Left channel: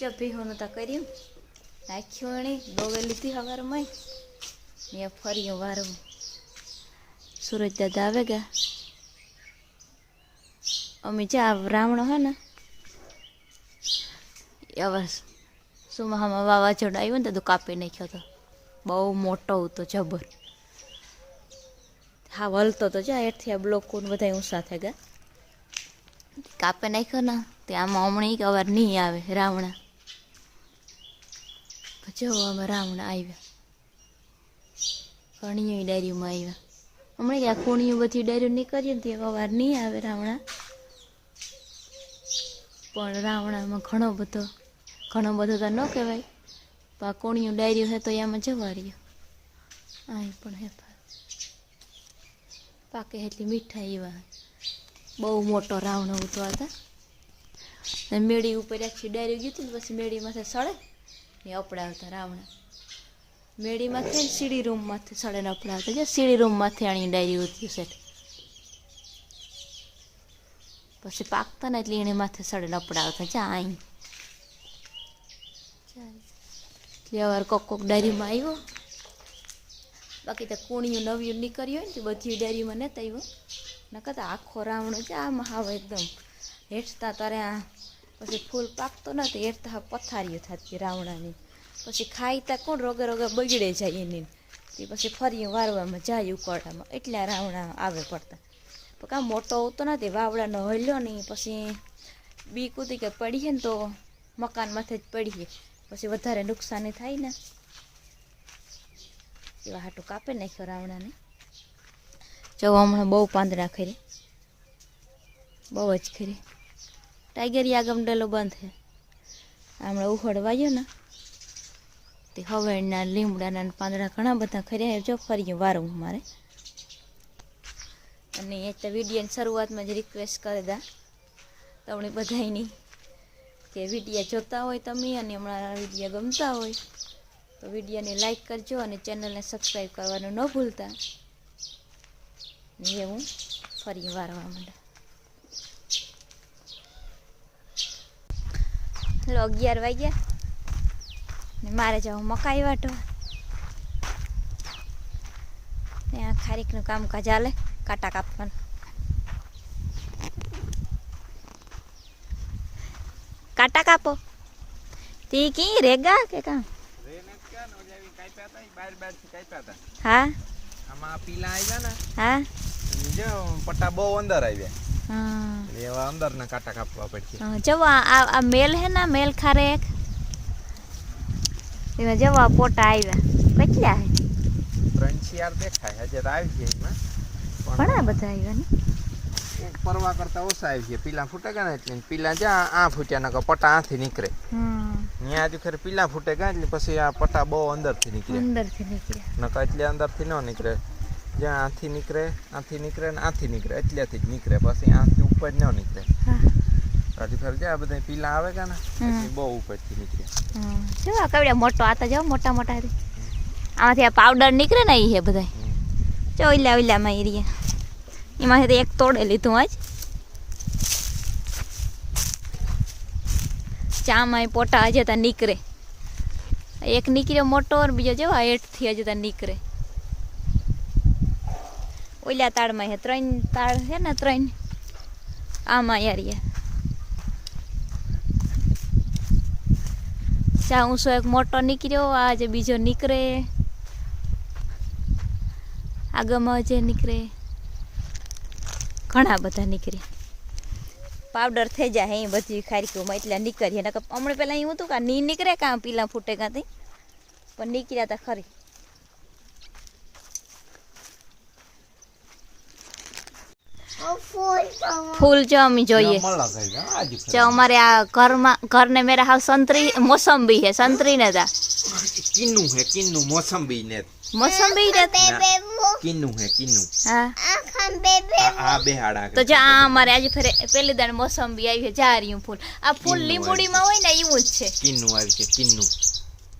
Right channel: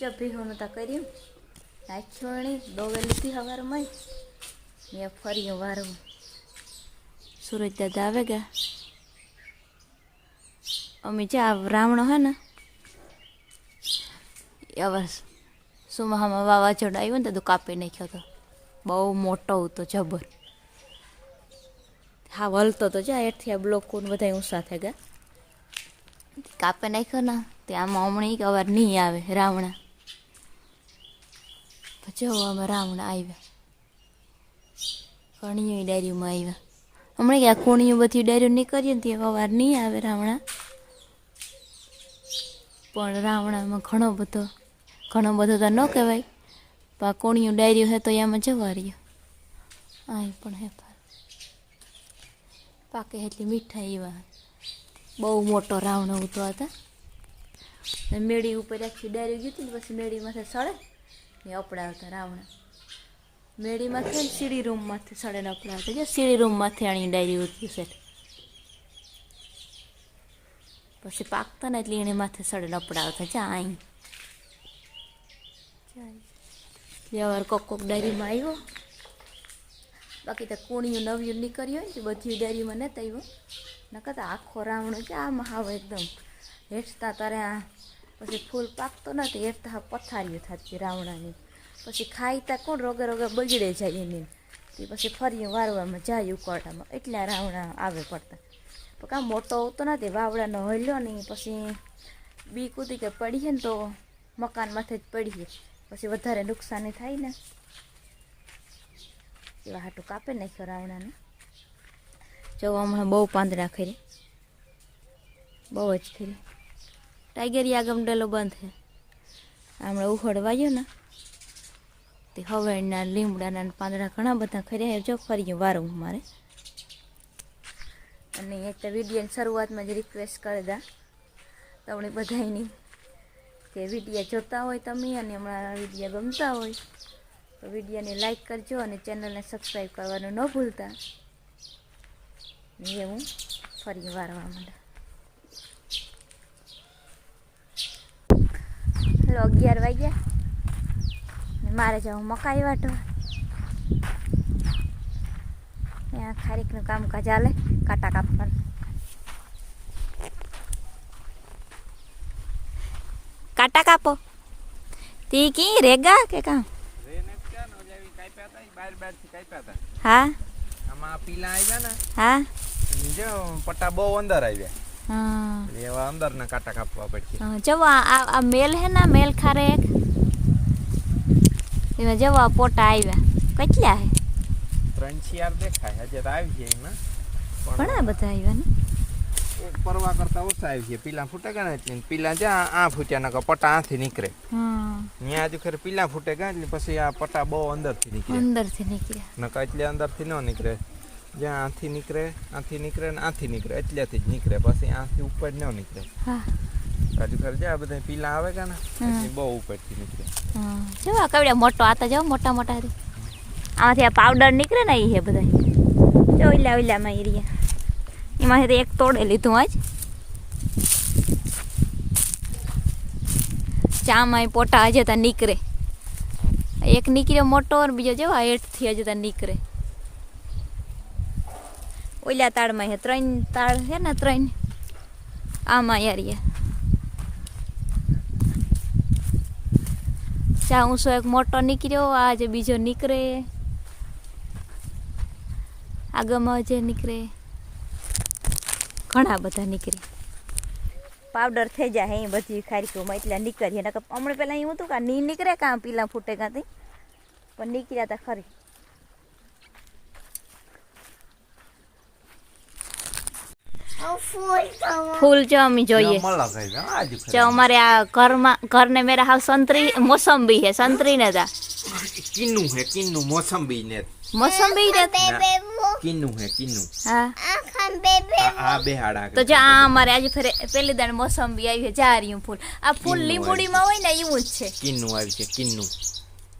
જો ભીહોનું તા કર્યું. નાખ્યું એણી, દોવે લીધી હવારમાં ને ફર્યું વારવું સુરજ દાદા આવે ગયા અમે જ્યાં રાવણો હે ને હવે સુમાહામાં વાવાઝોડું આવ્યું ને તો કાપી નાખ્યો તો. બહુ મોટો હતો જબર. હા, વલતો તો જા, એઠથી આ બ્લોક બધા ઊંચા થઈ ગયા કાપે નાખ્યો ને, તે આમાં હમણાં કે અવાર નહીં આવે, રાવણા. જો રાવણા આવ્યા. કણીઓ ડાયરીમાં આવ્યા. હમણાં કે આ કોણીઓ બધી ડાયરીઓ નીકળીએ ને તે અવાર નહીં આવે રાવણા. પણ રાવણામાં ઘણો બધો ઘણો બધો તો ન કહેવાય. પણ આ કોણીઓ ડાયરીઓ હે તો એમાં જવા રહ્યો. આ પણ હે પાકે એટલી મીઠાઈ એવા. બહુ મોટો રાવણ ઉતો હતા ને મેળી ઉપર આખી ડાયરી ગયું હતી ને પછી મેળીમાંથી સળે. ને અપડાવતા રાવણા. મેળીમાંથી ને સીડી રૂમમાંથી સડેને અપડાવતા જો સીડી રૂમમાંથી આણી ડાયરી ઉતરી સેટ પછી પાકતા ને એટલે એને માથે સડેને અપડાવતા જા અહીં એટલે અવાર કોક કોક ડાયરીમાં આવ્યો બાકી તો કુણિયું નવ્યું નીકળ્યું હોય ને બધી ડાયરીમાં નહોતા આવ્યો નકર આખો રાવણ છે આમાં હાવ એકદમ. હેઠતા તારે આ પછી ફૂલ પાકતો નથી હાવ પથારીઓ થતી રાવણાની. પછી ખાઈ તા કોણ રોગે રોગે બગડે જાય એની. તે પછી ફરી વારવામાં જાય ઉકળામાં, એટલા રાવણા આવે પડતા. પણ કાં મોટો હોતો નથી વાવડાનો હલ્યો નહીં પછી બી કૂદી કે પડીએ ને તો મકાન માથે જ પડીએ પછી વધારે નુકસાની થાય ને. એવા હાટું કાપે નાખ્યો રાવણાને. જો હમણાં બહુ પાંદડા ખરી બહુ જ ખરી ટાઈગરી આગમ ડેલો બંધ છે હમણાં ઉખડવાયો ને તે હવેના લીમડાના પાંદડા ઘણા બધા ખર્યા જો ફરી વારું મારે અને એ તો વિડીયોની શરૂઆતમાં જ રિક્વેસ્ટ કરી દા તમને બધાયની કે વિડીયા જોતા હોય તમે અને હમણાં વિડીયા ગમતા હોય તો વિડીયોને લાઈક કરજો અને ચેનલને સબસ્ક્રાઈબ કરવાનું ન ભૂલતા ને એ હું ફરી વારવા માંડા હલો અગિયાર વાગ્યા. ને મારે જવું મકાઈ વાટવા. ત્યાં ખારીકનું કામકાજ હાલે કાંટા કાપવાનું. કાંટા કાપો. તી કી રેગા કે કામ હા. આમાં પીલા આવ્યા ને હા. જો પટ્ટા બહુ અંદર આવ્યા. હા એટલે એવા અંદર ના કાંટા કાપવા પડશે હા, જવો આ આ- આ મેલ હે ને મેલ ખારે એક એમાં જવો આ પોટા આવ્યા કેટલા હે ત્રણ શિયાર દેખાય હજે તો આવી છે એમાં ઘણા બધા આવ્યા ને એક પરવા કરતા ઓછા આવી છે પીલા ફૂટે ગયા ને એટલે પીલા જ્યાં આ ફૂટ્યા નકર પટ્ટા આથી નીકળે હા ત્યાં હજુ ખરી પીલા ફૂટે ગયા એટલે પછી આ પટ્ટા બહુ અંદરથી નીકળે અંદરથી નીકળ્યા નકર એટલે અંદરથી ન નીકળે જ્યાં આથી નીકળે આથી નીકળે ને આથી નીકળે એટલેથી જ નીકળે પછી આથી ઉપર ન નીકળે. હા. હજુ ખરી જ્યાં બધા પીલા આવે ગયા ને? હમ. એટલે બહુ ઉપરથી નીકળે. હા જો આ કવડ્યા મોટો આ તો જાઓ મોટા મોટા હતી આમાંથી આ પાવડર નીકળે ને એ હે બધા જો ઓઈલા ઓઈલામાં એ રહ્યા એમાંથી તો એક તોડે લીધું આજ. ચામાં એ પોટા હજે ત્યાં નીકળે. એક નીકળ્યો મોટો અને બીજો જો આ હેઠથી હજુ ત્યાં નીકળે. ઓઈલા તાળમાં હે ત્રણ તાળ છે ને ત્રણ આમાં યાર ચા ઊંસો એક મોટો નીકળ્યો આજે બીજો નીકળે આગળમાં જે નીકળે ઘણા બધા નીકળે પાવડર થઈ જાય અહીં બધી ખારીકીઓમાં એટલે નીકળીએ હમણાં પહેલાં એવું હતું કે નહીં નીકળે કાં પીલા ફૂટે કાંથી પણ નીકળ્યા હતા ખરી ફૂલ જો અમે જોઈએ. જો અમારે આ ઘરમાં ઘરને મેરા હાવ સંતરી મોસંબી હે સંતરી ને તા કિન્નું હે કિન્નું મોસંબી ને. મોસંબી ને કિન્નું હે કિન્નું. હા. આ આ બે હાડા તો જો આ અમારે આજે ફેરે પેલી દાડ મોસંબી આવી છે જારિયું ફૂલ. આ ફૂલ લીંબુડીમાં હોય ને એવું જ છે. કિન્નું આવી છે કિન્નું.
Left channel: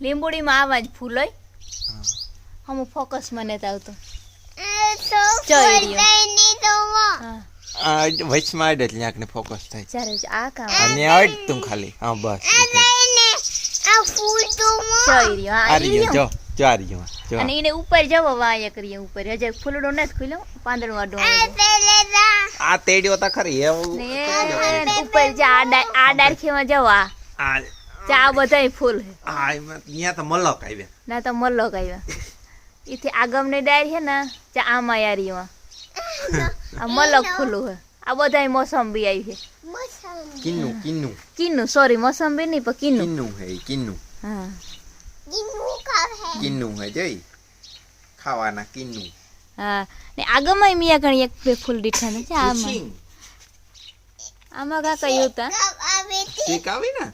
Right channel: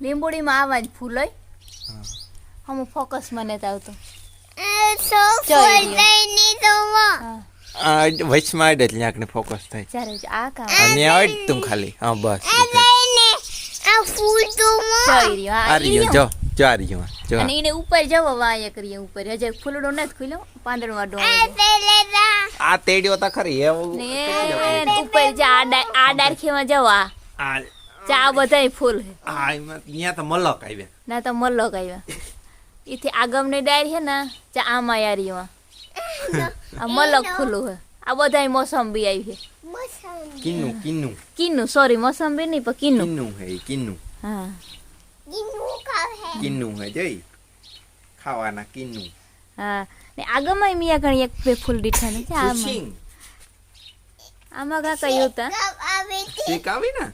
લીંબુડીમાં આવા જ ફૂલ હોય. હા. હમ ફોકસ મને તો. આવતો જોઈ રહ્યો હા. વચમાં આડે એટલે આંખને ફોકસ થાય. ચારે આ કામ અને આડ તું ખાલી. હા બસ હા. જો જો જો. અને એને ઉપર જવો વાયા કરીએ ઉપર. હજે ફૂલડો નથી ખુલ્યો પાંદડું આવે આ તેડ્યો તા ખરી ઉપર જા આ આ ડાળખીમાં જવો આ. આ બધાય ફૂલ એમાં તો મલક આવ્યા. ના તો મલ્લો આવ્યા. ઈથી આગમની ડાયર છે ને ચા આમાં યારીમાં આ મલક ફૂલું હે આ બધાય મોસંબી આવી છે. કિન્નુ કિન્નુ. કિન્નુ સોરી મોસંબી નહીં પણ કિન્નુ. કિન્નુ હે કિન્નુ. કિન્નું હા કિન્નું હે જઈ? ખાવાના કિન્નુ. હા. ને આગમાં મિયા ઘણી એક બે ફૂલ દીઠા ને આમાં. આમાં કાકા એવું તા. ઠીક આવી ને?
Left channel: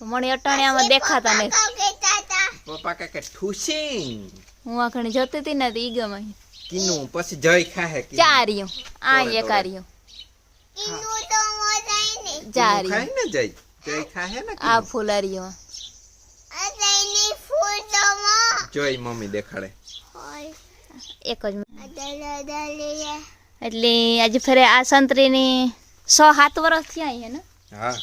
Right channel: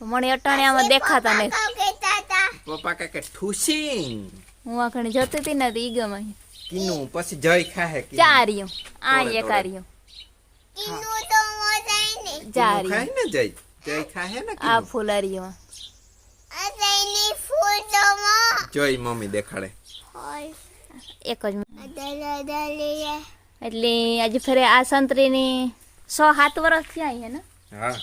મને અટાણે આમાં દેખાતા નહીં પપ્પા કે કે ઠુસિંગ હું આ ઘણી જોતી હતી ને તો ઈ ગમે. કિન્નું પછી જય ખાહે. ચાર્યું આ એક આર્યું કિન્નું ચાર્યું ખાય ને જય? જય ખાહે ને આ કિન્નું. ફૂલ આર્યું જોઈ મમ્મી દેખાડે. એક જ એટલે આજે ફરે આ સંતરીની છ સાત વર્ષ થયા હે ને? હા.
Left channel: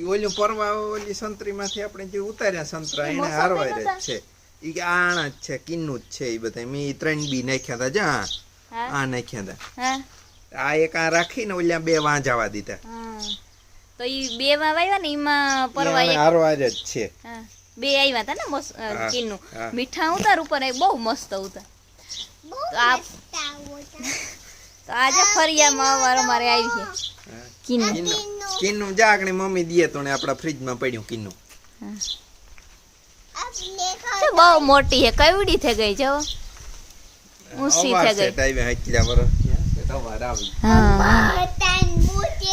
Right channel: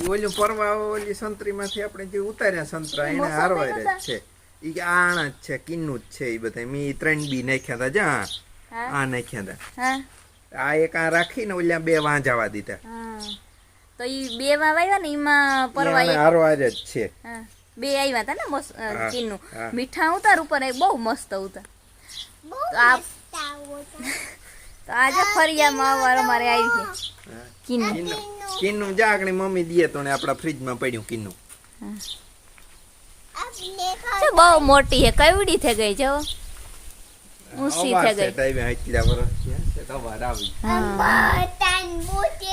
ઈ ઓલું પરવા ઓલી સંતરીમાંથી આપણે જે ઉતાર્યા સંતરા એને હારવાય છે. ઈ કે આણા જ છે કિન્નું જ છે ઈ બધા મેં ત્રણ બી નાખ્યા હતા જા. આ નાખ્યા હતા આ એક આ રાખીને ઓલા બે વાંજાવા દીધા. તો ઈ બે માં વાવ્યા ને એમાં પરવા એક? આને આજ જ છે. બે આવ્યા હતા ને હા, ચીનનું હા. મીઠા ઉતાર ઉપર એ બહુ મસ્ત ઉતાર. તો આ તો આજે ફરિયામાં અવાર અમારે આવી છે. કિન્નુ. કીનું કિન્નું. કિન્નું જા આગળ મમ્મી દીએ તો ને આપણા ફ્રીજમાં પડ્યું કિન્નું. તો બહુ મોટી છે. કવડી થઈ ગઈ જો ઊંચી થઈ ગઈ. છે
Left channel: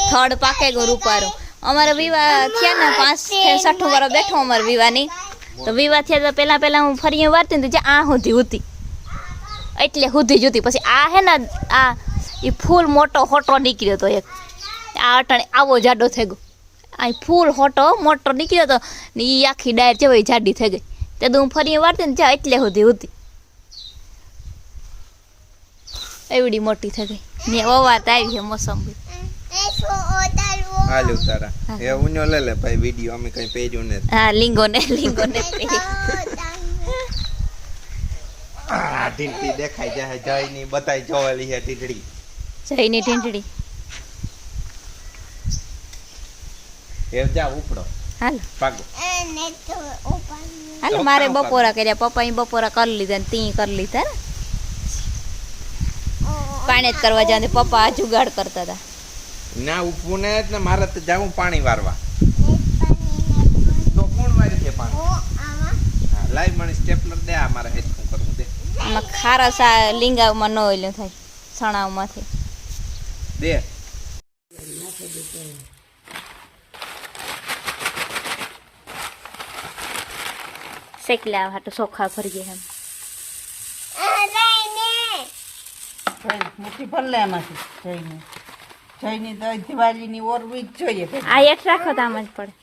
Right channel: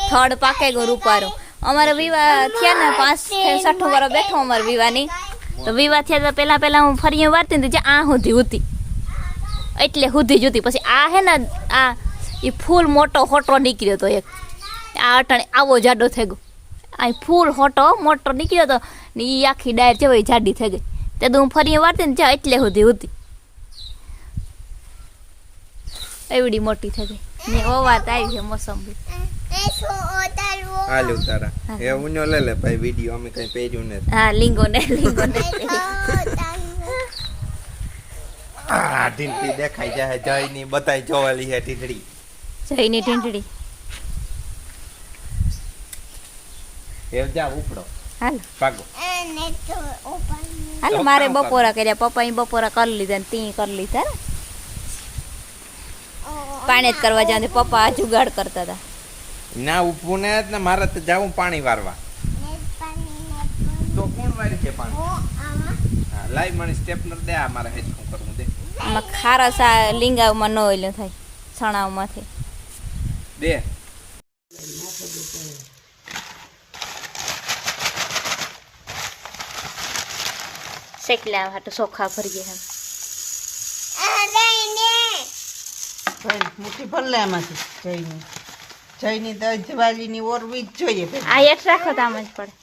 થડ પાકે ગયું રૂપારું અમારે વિવાહ થયા ને પાંચ છઠ્ઠું વર્ષ બેઠો અમારે વિવાહની. તો વિવાહ થયા તો પહેલા પહેલા હું ફરી વારતી ને આ સુધી ઉતી. એટલે સુધી જુતી પછી આ હે ને આ એ ફૂલ મોટો હોટો નીકળ્યો તો એક. આ અટાણે આવો જાડો થઈ ગયો. આ ફૂલ હોટો મોટો નીકળ્યો તો ને એ આખી ડાયર છે જાડી થઈ ગઈ. તે હું ફરી વારતી ને જ્યાં એટલે સુધી હતી એવડી મોટી થઈ ગઈ. ને ઓવાત આવી છે મોસંબી. હાલ ઉતારા એ ઉનો લે લે ભાઈ વીડિયો અમે કઈ પહેર્યું નથી. હા લીંગો ને લીંગો ને ઢીંટી દેખાય જાય જય ની બતાય જોવાલી હે એ જા ઉપડો. હાલો. મારે બપોરા કર્યા પપ્પા બપોરા કરી લીધા ને તી કરી લીધા ને. પાણી જ કરવા જવાનું પપ્પા આ જુગાડ કરતા હતા. ના ઉપવું ને જ ને મારે તો જાવું પાણી વારવા. તો કોણ વારી છે પાણી? લાઈવ મને સ્ટેપનર દે આ મારે હેડફોન કરવું દે. આમાં ખારસ આ લીંગામાં ન ઓલું થાય સણાવમાંથી દે. શેકલા હાટું ચોખા ભરીએ એમ મૂકી મુઠ્ઠી ભર લે એમાંથી જઈને જઈને તો દિવાળીની ઓરવી જ જોઈએ આ એટ રાખો તો આમ જ પડે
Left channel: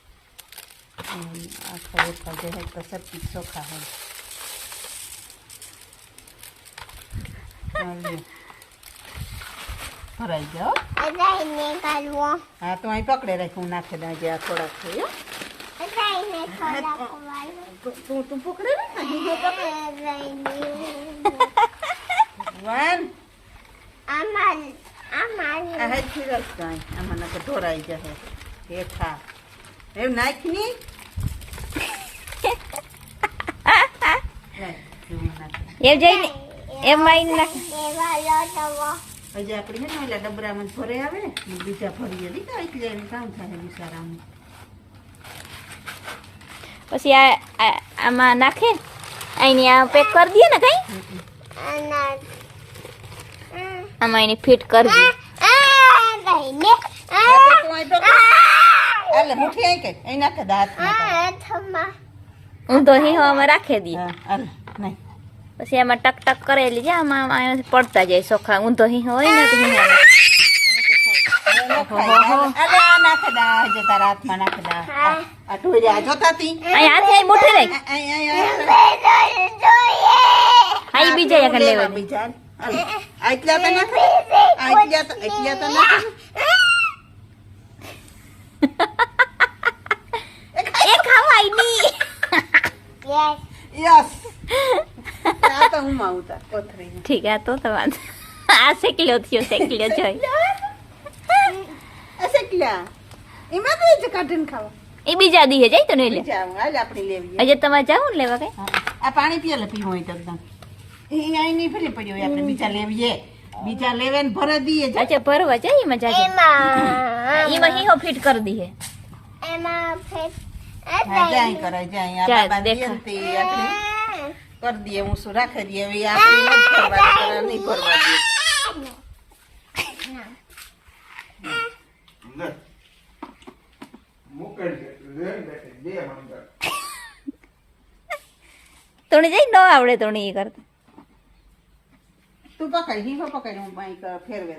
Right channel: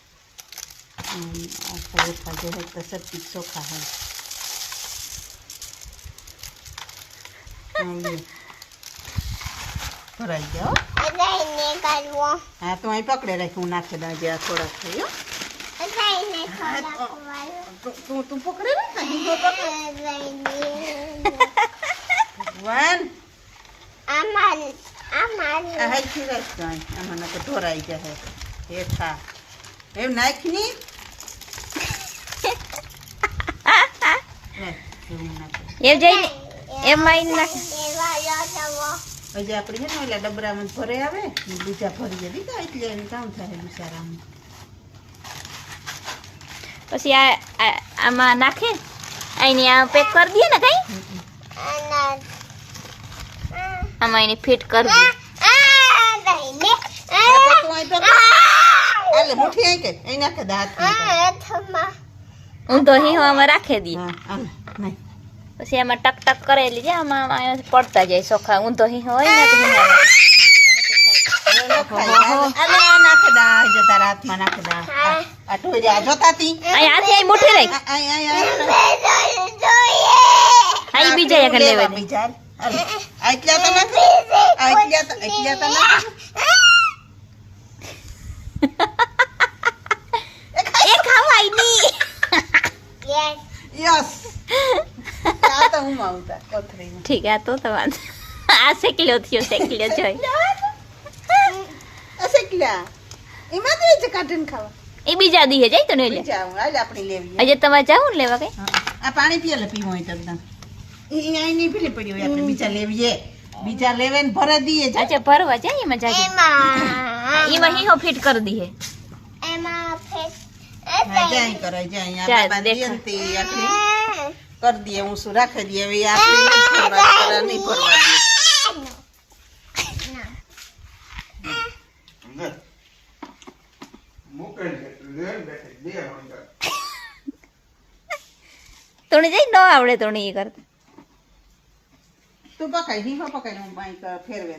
હમ, આખા એકા જો હોય તો સબ્જી ચોખા હોય હા. ભરાઈ જાઓ હા તો અહીં પકડે રાખ્યું હું નાખી દઉં જે આ થોડોક થયો તું તું- પકડે ને, હું તો પકડે વન આ હેઠી રાખ તો અહીં. આમાં નાખે ઢોરાઈ જાય હેઠા એમ નાખની રાખ, એવું નાખે. એમ જઈને એમ આવીને નાખે હજી આપણે છે ને ઓલા ડબરામાં ભરે આવે બીજા ભરીએ લીધા એટલે એને કામ થાય બિચારાનું પછી આ આમાં નાખે અહીંની આ પેક કરી દઈએ ને કઈ? આમાં એની ફિટ કરી દઈએ. હા, તો. હું હિં આમાં રાખી દઈએ હા. પછી આમાં ટક ટક કરેલી છે આમાં પડતા જાય સોખા. ઊંધો હિંહ હોય ને તો હિં હાલે, આ બીજા એક લેવા દે બીજા. હાલ. આ એટલા તો નાખ? આ તો એટલા તો નાખ? એ ખાવાય નહીં યસ. આ તો હું માવતા કોથળી. ઠીક આ તો તમારે આ શેકલ્યો થયો શેકલ્યો જોઈ. આ શેકલ્યા એમાં તો છે કાઢીને ખાવા. એ બીજા દીએ જાય તો નહીં લે. બીજા હું આજ આપણે લેવીએ આજે તમારે જાવું ને લેવા કઈ? હા. આ પાણી પીએ લે પીવું હોય તો એકદમ એ અહીં નહીં ફેરી પડ્યું હોય આપણે બીજા લેવીએ. બીજા લેવે ને ભરે દઈએ જ. અચ્છા ભરવા જાય એમાં જાજે? એમાં. હીહો ફિટ કરી દઈએ હા જાય. કરાય જાય. આ જાય, બાબા દઈએ ને દેખાય. તે આપણે કરી દઈએ હું શું રાખી દઈએ હવે આપણે નહીં ફરવા દેતા, નહીં ફરવા દઈએ તોણી જઈ ન આવડે તોણી એ કરતા. તું પકાઈ હિંગો પકાઈ હું બાઈ ફેરવે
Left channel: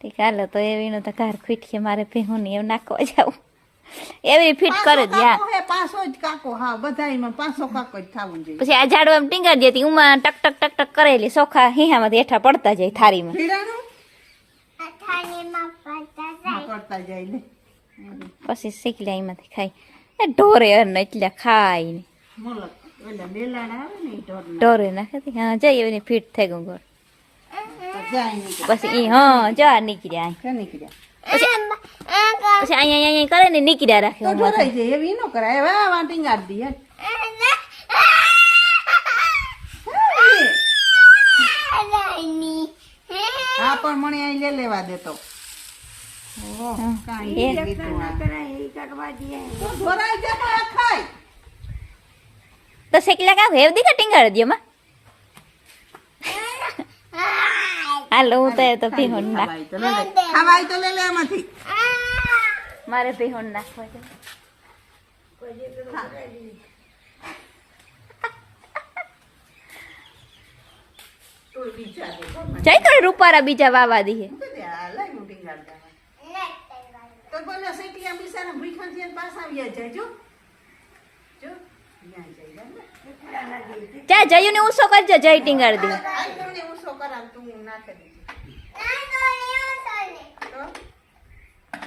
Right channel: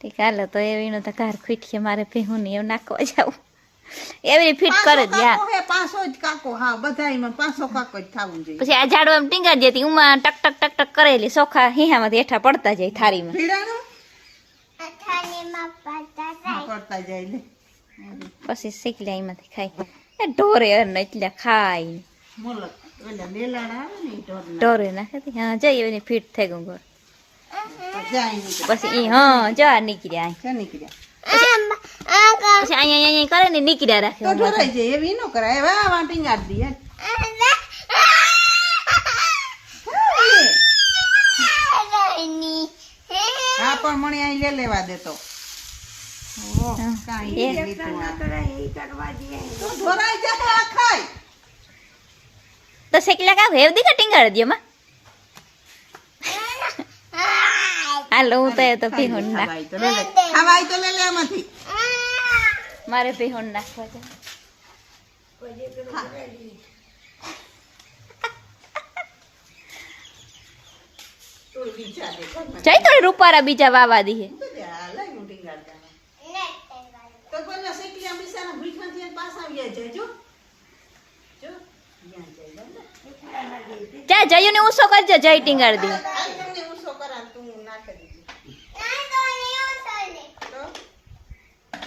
ઠીક હાલો તો એવીનો તો કાર ખીટકે મારે ભેહું ને એવું નાખવા જાવું એવી ફિટ કરે જ યા. કાકો જ કાકો હા બધાયમાં પાંચસો કાકો જ થવું જોઈએ. પછી આ ઝાડવા એમ ટીંગાડી દેતી ઉમાં ટક ટક ટક ટક કરેલી સોખા હીહામાંથી હેઠા પડતા જાય થારીમાં. પડતા જાય. પછી શીખી લે એમાંથી ખાઈ એ ઢોરે અર એટલે ખાય ઢોરે નાખે. હા જઈ એવી ફિટ થઈ ગયું ગોળ તો જાય નીકળે. પછી હા જવા નીકળ્યા નીકળ્યા. પછી અહીંયા અહીંયા કરે ને નીકળ્યા રાખે તો ઉમાં. ઢોરાઈ જાય એવી ન કરાય હવે વાંટી ગાડી દઈએ હા પણ મને અહીં લે લેવા દેતો ઓહ, હા. કાંઈ એ. નહીં લીધું આ. તો ઢોરાઈ જાય આ ખાય તો શેકલા કા હેવ દીકા ટીંગાડી દે માં હાલો હું તો એ તો ભીહોન નાખ. ખાવાય તો લે લે. ખાવાય તો લે લે આમાંથી મારે ભીહોન નાખવા છે. તું બીજા દે, ઘરમાં. જઈ તો રૂપારા બીજા વાવા દીએ તો દે, આ લઈ હું ટીંગાડી દઉં. તો પેલા શેકલિયા બિચારા ભૂખ્યા પાછા જો. ત્યાં જાય જા ને. જા જયું ને ઉસો કરજો જય ટીંગાડી